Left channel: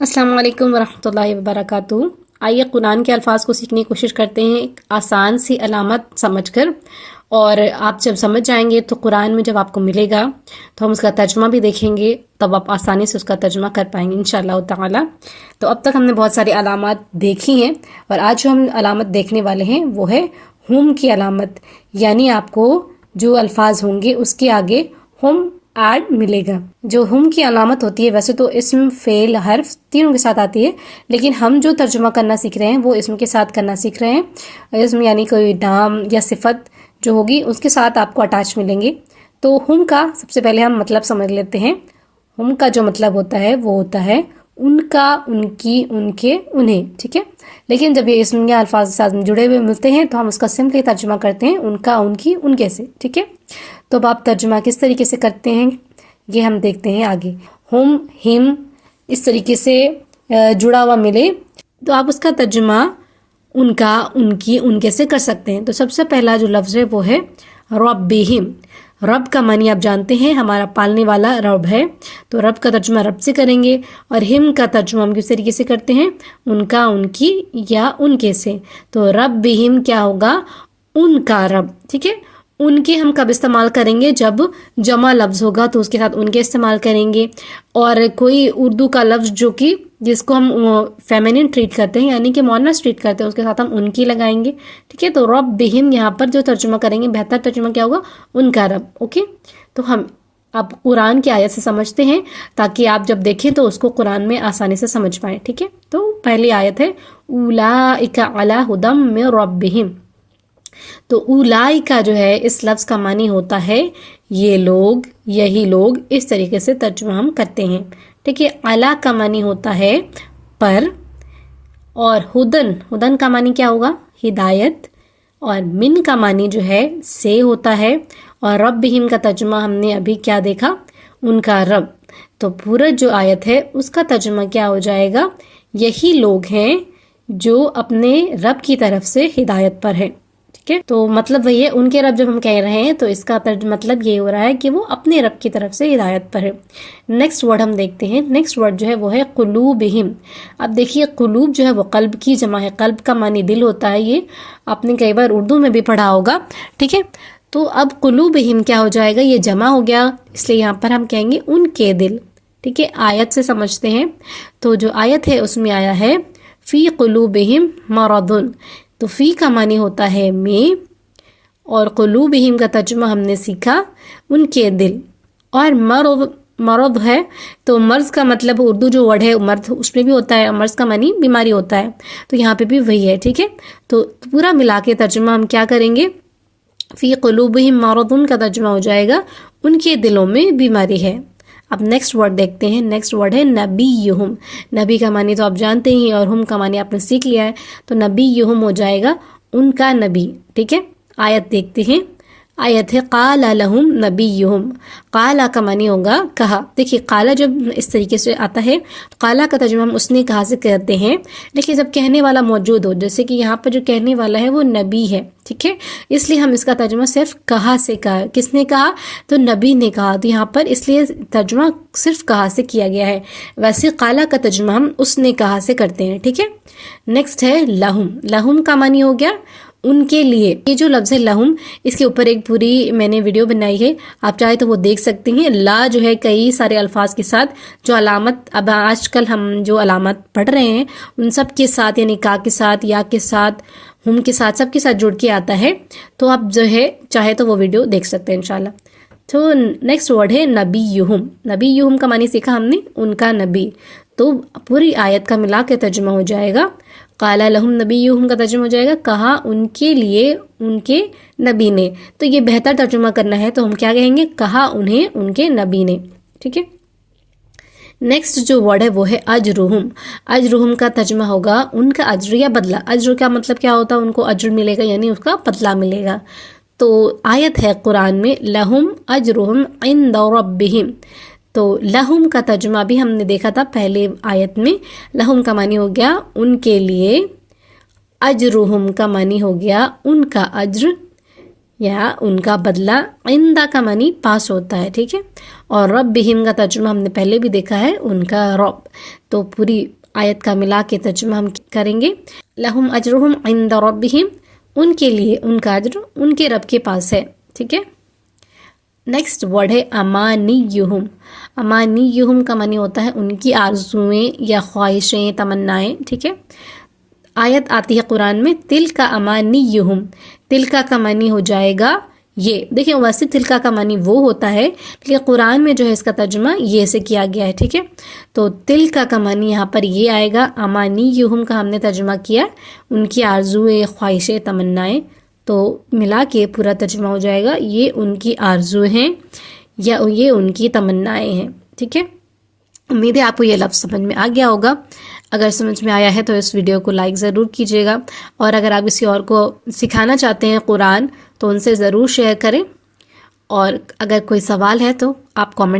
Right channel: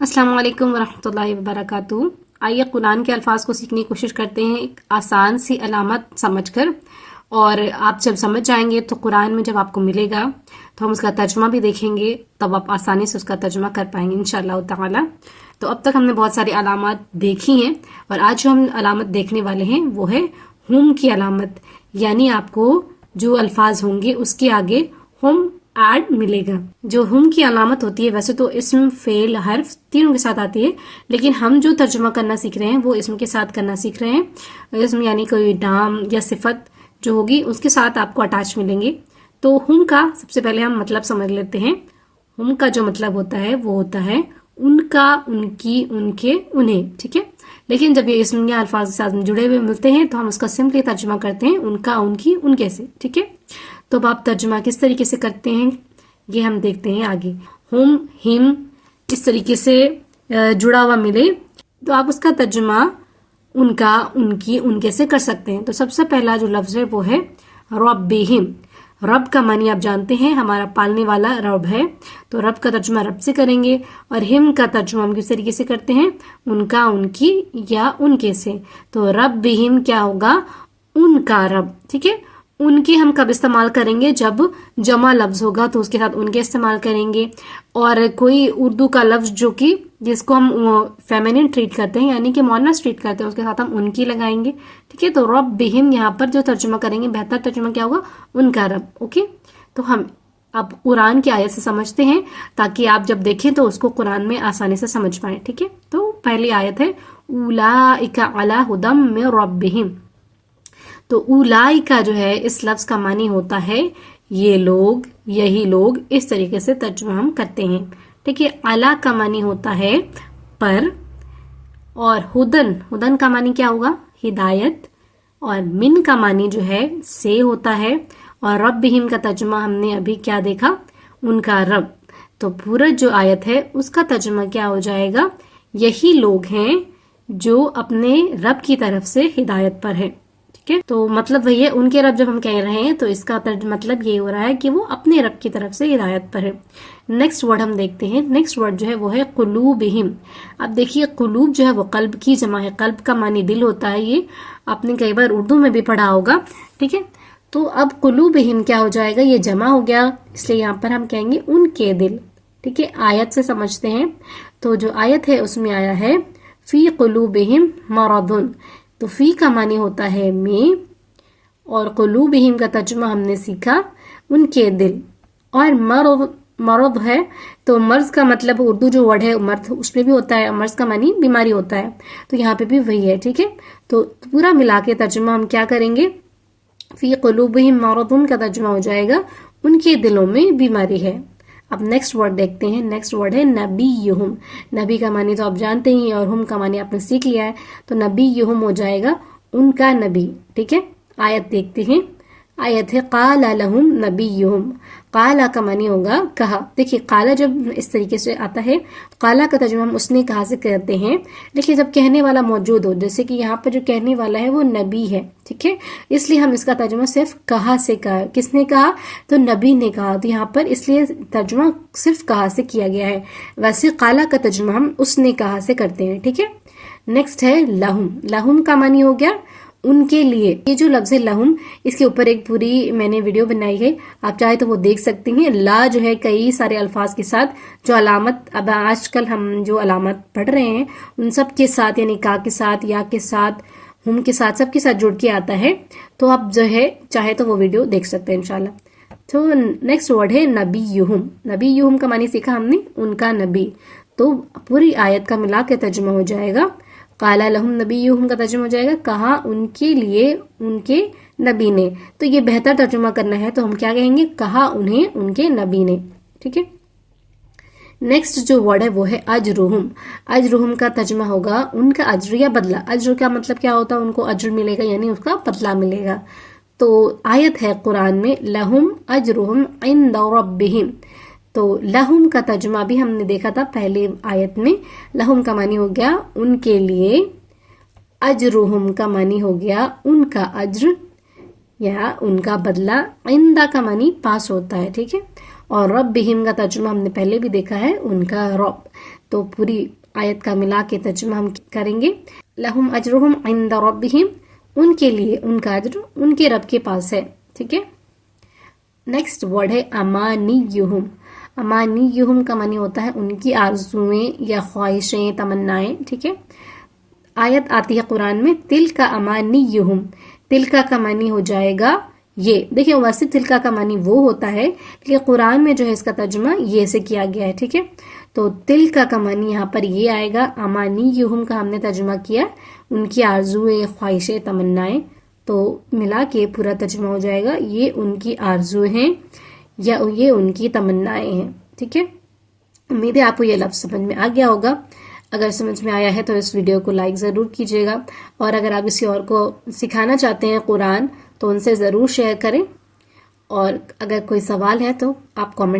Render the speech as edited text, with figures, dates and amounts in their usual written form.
अस्सलाम वालेकुम वरहमतुल्लाहि वबरकातुहू। आइए कुरान के अल्फाज को सीखने की कोशिश करते हैं एक आसान सी अलामत समझकर। और आप जब समझ जाएंगे तो कुरान में जब आपको मिलेगा तो हम उसका तर्जुमा भी देखेंगे, तब आप आसानी से उसका तर्जुमा कर पाएंगे इंशाअल्लाह ताला। तो अब तक हमने बहुत सारी अलामत देखी हैं और आज जो हम अलामत देखने वाले हैं वो है हुम की अलामत, यानी आपको जो अल्फाज होंगे उसके आगे हुम ऐड मिलेगा। जो हुम की अलामत होती है वैसे तो इस्म, फेल, हर्फ तीनों के साथ आती है, लेकिन हम जो तर्जुमा करना सीख रहे हैं वो इस्म के साथ करना सीख रहे हैं। इस्म यानी कोई नाम या सिफत जो होगी उसके साथ आपको अटैच मिलेंगे। तो हुम का सबसे पहले हम मतलब समझ लेते हैं। हुम का जो मतलब होता है वो होता है उनका, उनकी, उनके, उन्हें, ठीक है। लेकिन जब ये इस्म या अल्फाज के साथ जुड़े हुए मिलते हैं तो हम उसका सिंपली तर्जुमा करते हैं उनका, उनकी, उनके से, ठीक है। तो अब आप तर्जुमा किस तरीके से करते हैं ये हम देखते हैं आगे। हुम, हिम इस तरीके से जुड़ा हुआ मिले तो आप उसका तर्जुमा उनका, उनकी, उनके से कर सकते हैं। तो सबसे पहला जो लफ्ज़ है वो है रब्बिहिम। रब का मानी आप जानते हैं, हमारा पालने वाला रब है, तो रब का तर्जुमा रब से करेंगे। और हिम का तर्जुमा हम किस तरीके से करते हैं, उनका, उनकी या उनके से। तो रब्बिहिम क्या होगा, उनका रब, ठीक है। उनके हम कब इस्तेमाल करेंगे, जब जमा लफ्ज़ होगा तो उसके साथ उनके इस्तेमाल करेंगे। और कोई उर्दू का लफ्ज़ जो कि जिसको हम फेमिनिन ट्रीट करते हैं यानी कि मोनस ट्रीट करते हैं उसके साथ हम उनकी लगाएंगे, ठीक है। तो रब बिहिम यहाँ पर जो तर्जुमा करेंगे, बेहतर तर्जुमा क्या होगा, उनका रब, ओके। तो हम अब कुरान की आयत से समझते हैं ताकि आप जब देखें तो उसको कुरान में आसानी से समझ पाए, ठीक है। तो पहली आयत है उलाइका अला हुदम मिन रब्बिहिम। तो उलाई का जो है इस लफ्ज़ का मानी होता है ये लोग, यही लोग, इस तरीके से तर्जुमा हम करते हैं, ठीक है। अला का मानी होता है पर, और हुदन, हुदन का मानी क्या होगा, हिदायत। और मिन का मानी जो है से होता है। और रब्बिहिम का तर्जुमा हमने अभी क्या देखा, उनका रब। तो पूरा जो आयत है उसका तर्जुमा क्या हो जाएगा, यही लोग हैं जो अपने रब की तरफ से हिदायत पर है, ठीक है। तो मतलब वही है, उनके रब जब हम कह रहे हैं तो इसका मतलब ये हो रहा है कि वो अपने रब की तरफ से हिदायत पर है। नेक्स्ट वर्ड हम देखते हैं। नेक्स्ट वर्ड जो है वो है कुलूबिहिम। अब देखिए कुलूब जो है वो कल्ब की जमा है, कल्ब का मानी दिल होता है, ये आपने कई बार उर्दू में भी पढ़ा होगा, ठीक है। तो अब कुलूबिहिम क्या हो जाएगा, ये जमा हो गया, इसलिए यहाँ पर हम कहेंगे उनके दिल, ठीक है। आयत से समझते हैं। तो जो आयत है उसमें आया है फी कुलूबिहिम मरदुन। तो फी का मानी होता है में, और कुलूबिहिम का तर्जुमा हमने सीखा उनके दिल। और मरद है तो मर्ज का मतलब उर्दू जो वर्ड है मर्द उसमें भी होता है, मर्ज का मानी बीमारी होता है, तो यहाँ पे भी वही है, ठीक है। तो पूरा मिला के तर्जुमा हम क्या करेंगे, फी कुलूबिहिम मरदुन का तर्जुमा हो जाएगा उनके दिलों में बीमारी है। अब नेक्स्ट वर्ड देखते हैं। नेक्स्ट वर्ड है नबीयुहुम। नबी का मानी तो आप जानते ही और हुम का मानी आपने सीख लिया है, तो नबीयुहुम हो जाएगा उनका नबी, ठीक है। आयत देखते हैं। आयत है काला लहुम नबीयुहुम। काला का मानी होगा कहा। देखिए काला जब इस तरीके से आता है तो काला का तर्जुमा हम उसने कहा से करते हैं, लेकिन जब कहने वाला मौजूद हो, जैसे कि यहाँ पर जो कहने वाला है वो नबी है, ठीक है, इसलिए हम इसका तर्जुमा सिर्फ कहा से कहा। किसने कहा, तो नबी ने कहा, तो यहाँ पर इसलिए तर्जुमा सिर्फ कहा से किया गया है। वैसे काला का तर्जुमा हम उसने कहा से करते हैं, ठीक है। नेक्स्ट है लहुम। लहुम का मानी हो गया उनके लिए। ये जो लफ्ज़ है लहुम, इसके ऊपर एक पूरी मैंने वीडियो बनाई है, आप चाहे तो वो देख सकते हैं। ला जो है कई सारे अल्फाज के साथ जो अलामत, अब आजकल हम जो अलामत पढ़ रहे हैं उन सब के साथ, यानी का के साथ, या के साथ, हुम के साथ, सबके साथ जुड़ के आता है। तो आप जो है चाहे तो वो वीडियो देख सकते हैं इंशाल्लाह। तो नेक्स्ट वर्ड है नबीयुहुम। नबीयुहुम का मानी सीखा हमने उनका नबी। तो पूरी आयत का मिला के तर्जुमा हो जाएगा काला लहुम नबीयुहुम का तर्जुमा हो जाएगा कहा उनके लिए उनके नबी ने। तो ये बेहतर तर्जुमा करना है तो हम क्या कहेंगे, कहा उन्हें उनके नबी ने, ठीक है। नेक्स्ट जो वर्ड है वो है अजरुहुम। अजरुहुम का तर्जुमा होगा उनका अज्र या बदला। अज्र का मतलब क्या होता है, उनको अज्र मिलेगा यानी उसका बदला मिलेगा। तो आयत है कुरान में लहुम अजरुहुम इंद रब्बिहिम। तो लहुम का तर्जुमा भी हमने देखा था पहले आयत में। लहुम का मानी हो गया उनके लिए, अजरुहुम का मानी हो गया उनका अज्र, یا ان کا بدلہ، عندہ کا معنی پاس ہوتا ہے، ٹھیک ہے. اور ربہم کا ترجمہ ہم نے پہلے بھی دیکھا ہے، ان کا رب. تو پوری آیت کا ملا کے ترجمہ ہم کریں گے. لہم اجرہم عند ربہم، ان کے لیے ان کا اجر ان کے رب کے پاس ہے، ٹھیک ہے. نیکسٹ ورڈ ہے امانیہم. امانیہم کا معنی ہوتا ہے ان کی آرزویں یا خواہشیں، تمنائیں، ٹھیک ہے. آیت آتی ہے قرآن میں تلک امانیہم. تلکا کا معنی ہو جائے گا یہ. دیکھیں ویسے تلکا کا معنی وہ ہوتا ہے، لیکن قرآن میں جو ہے اس کا ترجمہ یہ سے کیا گیا ہے، ٹھیک ہے. تو تلکا کا معنی یہاں پر یہ آئے گا. امانیہم کا ہم نے ترجمہ کیا ان کی آرزویں، خواہشیں، تمنائیں. تو ملا کے پورا ترجمہ ہو جائے گا یہ ان کی آرزو ہیں یا یہ ان کی تمنائیں ہیں، ٹھیک ہے. امید ہے آپ کو یہ لفظ سمجھ میں آ گیا ہوگا. اگر سمجھ میں آیا ہے تو اس ویڈیو کو لائک ضرور کیجیے گا، اور اگر آپ کسی اور کو سکھانا چاہتے ہیں قرآن تو ان سے ضرور شیئر کریں. اور اگر کوئی سوال ہے تو آپ کامنٹ